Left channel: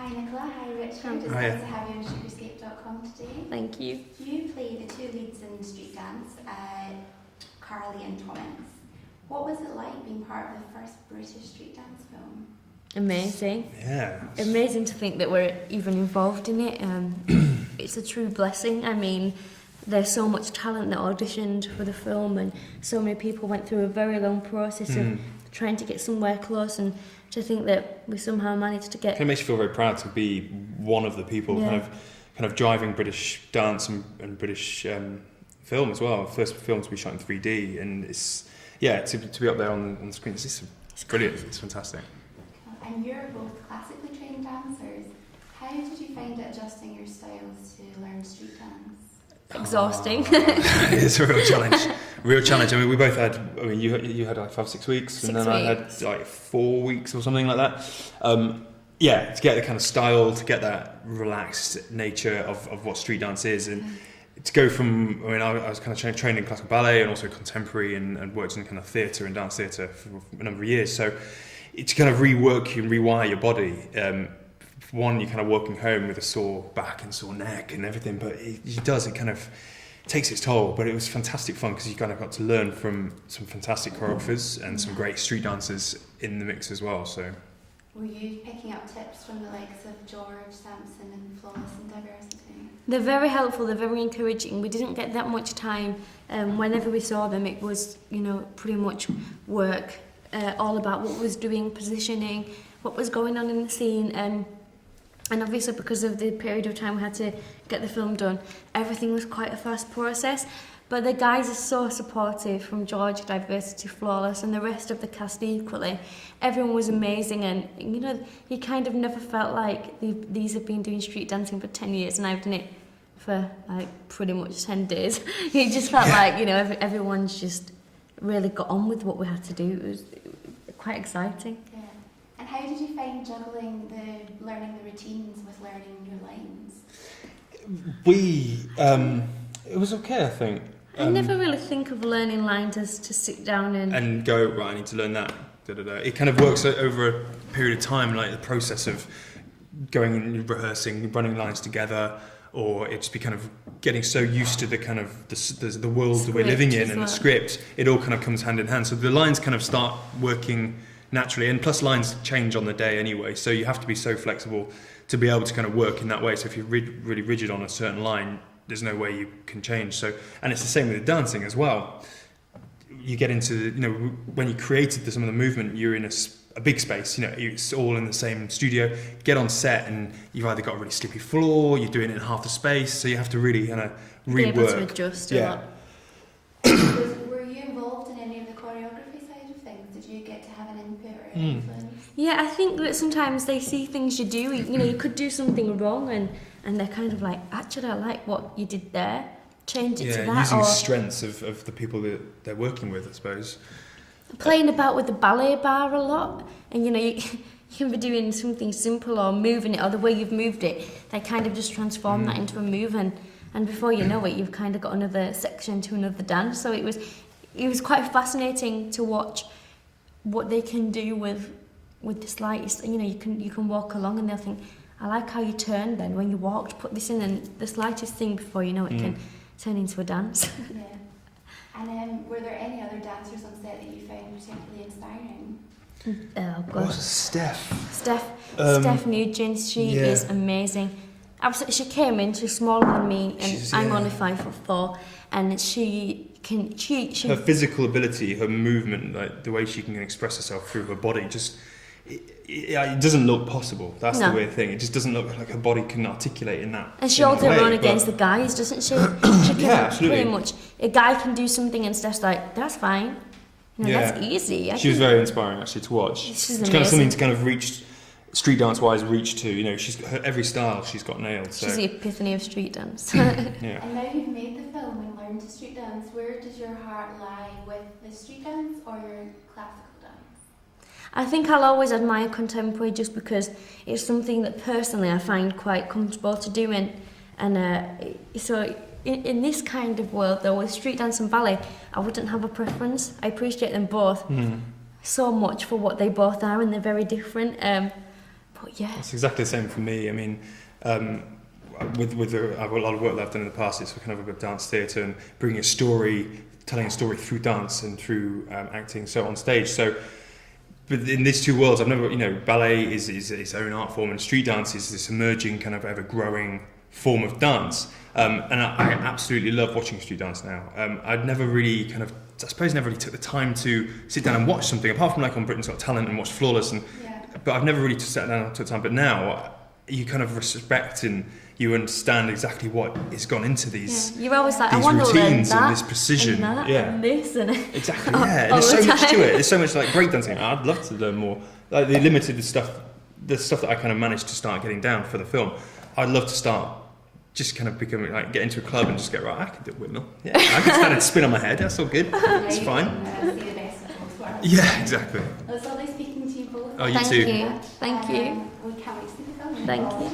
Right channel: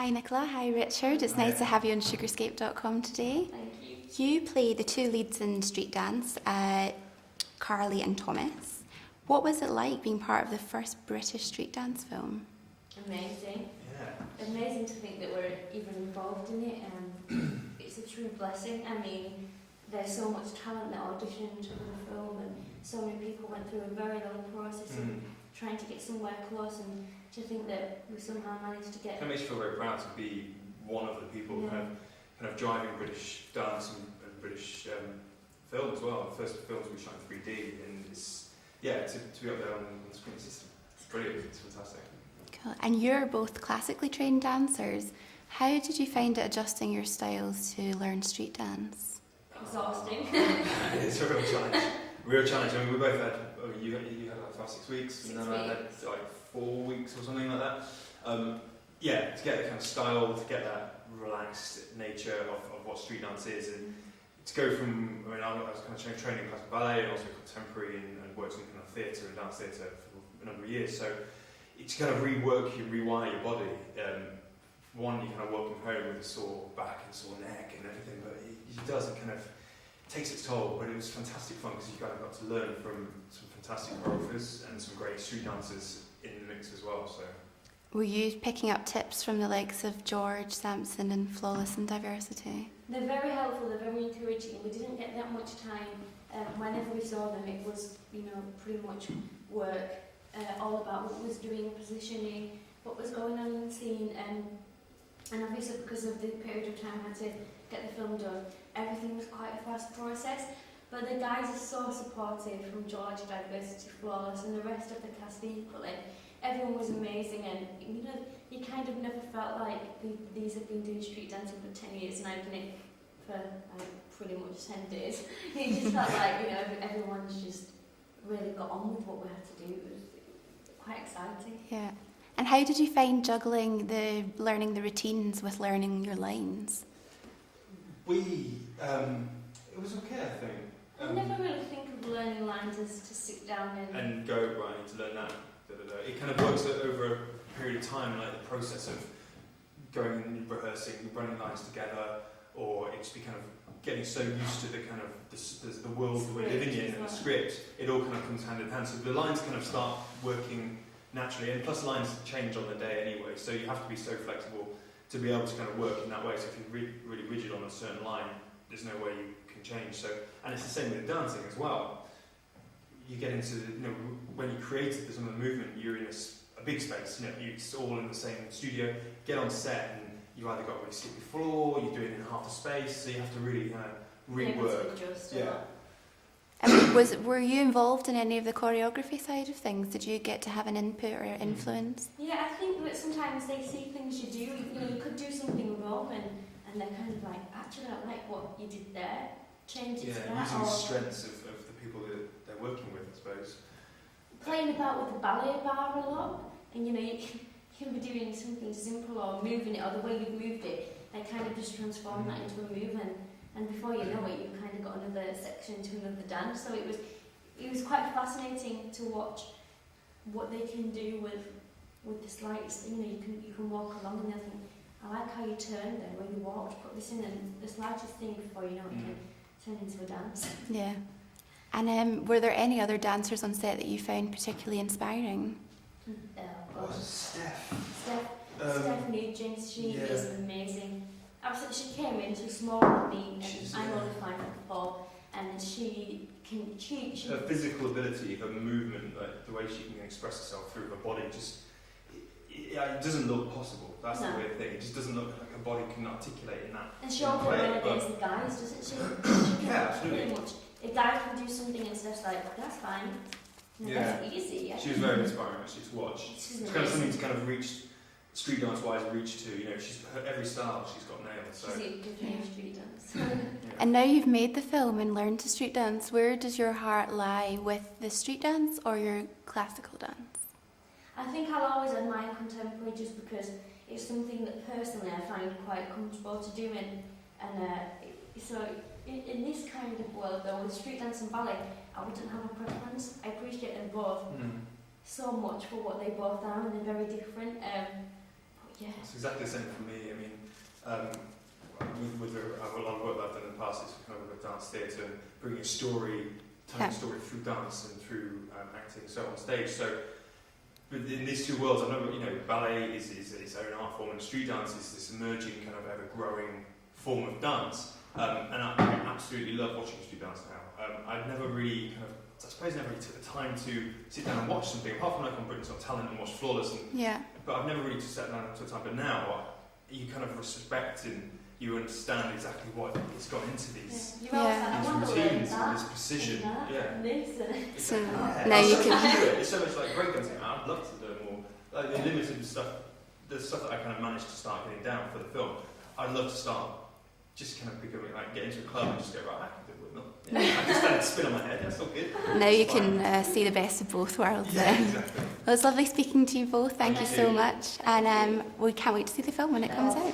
Hi Nicola, hi Richard. It's nice to have you on SugarScape.com today. Thank you. You play the two leads in street dance, Carly and Thomas. What was it like being part of the first British street dance film? Amazing. Yeah. Amazing to think that we're even involved in it. It's a true blessing. I mean, there's so much talent that auditioned for the film, and so many people went through a very long process of trying to get somewhere close, and to think that we somehow managed to get... It makes you feel very proud to be one of the people kind of driving British dance and British film as well. First film to be shot in 3D, and it's to be up there on the screen. It's brilliant. It's fantastic. Cool. And you're both classically trained dancers. How did you find it adjusting your styles to learn street dance? Exhausting. It's a real challenge. Real challenge. I mean, we both had. I mean, you had like 5-6 weeks, and then I had like 4 weeks or something like that. To get the kind of style, to get that relaxed nature of what street dance is, and to go from. I mean, I was kind of trained in classical ballet and also contemporary, and worked in kind of theatre and dance theatre for a number of years. So it's kind of rework you and rewire your body. One, you're kind of walking home with a sore back and sore neck and everything, but it kind of takes its toll. But it was fantastic fun because you kind of got to learn from some fantastic choreographers and some great street dancers in the mix as well. So, were you picking up tips from the likes of George, Sampson and Flawless and Diversity? They're very helpful, they're very encouraging. We didn't get that much time. Whenever we saw them, it was, pretty much work, all about what was doing, positioning, what was going on in the scene, and obviously because of the period of time we had to get the film done, everything was quite a fast process. But the guys are so supportive, from George, Diversity, Flawless, and the rest of the cast equally. Everyone was amazing, and you kind of never felt like these have been doing street dancing for 10 years and I've done it for like pretty much 10 days. It just felt like, everyone's just really got on with what we had to do. It was quite exciting. Yeah. And how did you find juggling learning the routines with learning your lines? It was okay, I think. I never really think of learning lines as to sit down and go, right, I need to learn that. It kind of works over a period of time, like the process of going and rehearsing, running lines together, or it just be kind of getting so used to the kind of the world that we're living in and the script. It all kind of comes hand in hand. So the lines kind of start working naturally, and plus lines change on the day anyway, so you have to be so flexible to be able to kind of work in that way. So if you're really rigid on a certain line, there's no way you can change. So, and it's the same with dancing as well. You get into, when you created some of the movement, you're in a big space, it's all in the same studio. Get on set and you've either got a really slippy floor, you're doing it in half the space, so you have to really kind of rework. Be able to adjust a lot. Were you involved in any of the choreography side of things? Did you get to have an input or influence? Yeah, I think that sometimes they see things you do, you could do something wrong and they're kind of like, actually I like what you did there, change it to that. Using strengths of the people that they're working with, I suppose. Playing about with the ballet bar a lot, and you can be doing something simple or moving it, or the way you've moved it, they kind of just transform that into a move, and before you know it, you've kind of got another section to another dance. So it was quite fascinating to watch what they can do with the slightest. You can walk along and they'll think, I like how you turned then when you walked, put this in, and the slightest thing before you know it can turn into a dance. Yeah. And were there any other dancers on set that you found particularly inspiring? Oh God. Steph Nugent, she is amazing. Absolutely, she came in, she's smaller than me, and I'm only 5'4", and she her physical ability, her movement, like the way she can express herself through her body, just it doesn't look possible. That's the weird thing. It just doesn't look like her body can articulate in that. And she holds her own against the guys, doesn't she? She can absolutely. Pretty much. A guy can do something and Steph's like, that's fine. That's easy. She was very inspiring actually to watch. She's kind of something to kind of reach. Street dance wise, reach to, she's every style she's got nailed. So. She's the epiphany of street dance. And now you've made the film and learned to street dance. Where does your heart lie, with the street dance or your classical dance? I think I'll always admire contemporary just because it's something that personally I find quite comfortable to do, and so in this kind of world though, with street dance and ballet, I wouldn't have a preference. I appreciate them both so much for what they both are, and they're very different. yeah. It's exactly the same for me. I mean, with a lot of work that I've done in the past, it's kind of a dance theatre and bringing a story, telling a story through dance and through acting, so on stage. So, but in these two worlds, I've never, ballet is its own art form, and street dance is this emerging, kind of ever-growing form of dance. And I absolutely love watching street dance now. I'd never really never really took the time to sit down and watch something, apart from like on Britain's Got Talent and watch Flawless. But I've never really sat down and took the time. But now, you kind of respect and you understand exactly what has gone into these. You're always like, I these want to learn routines that, and this precision. and that, Yeah. and this, and Exactly. Yeah. There's so much to it. There's so much like breakdancing. I'd love to learn more. Like the stuff that I kind of managed to start getting down for the film. I'd love to start just kind of becoming like get into a club and just get I can do a windmill. Yeah, I can stand and spin on my head. That's all good. Now That's you fine. can see the best of both worlds. Yeah, exactly. It was lovely speaking to you both. Oh, you Thanks too. so much. Thank you. We can't wait to see the film when it Thank comes you. out.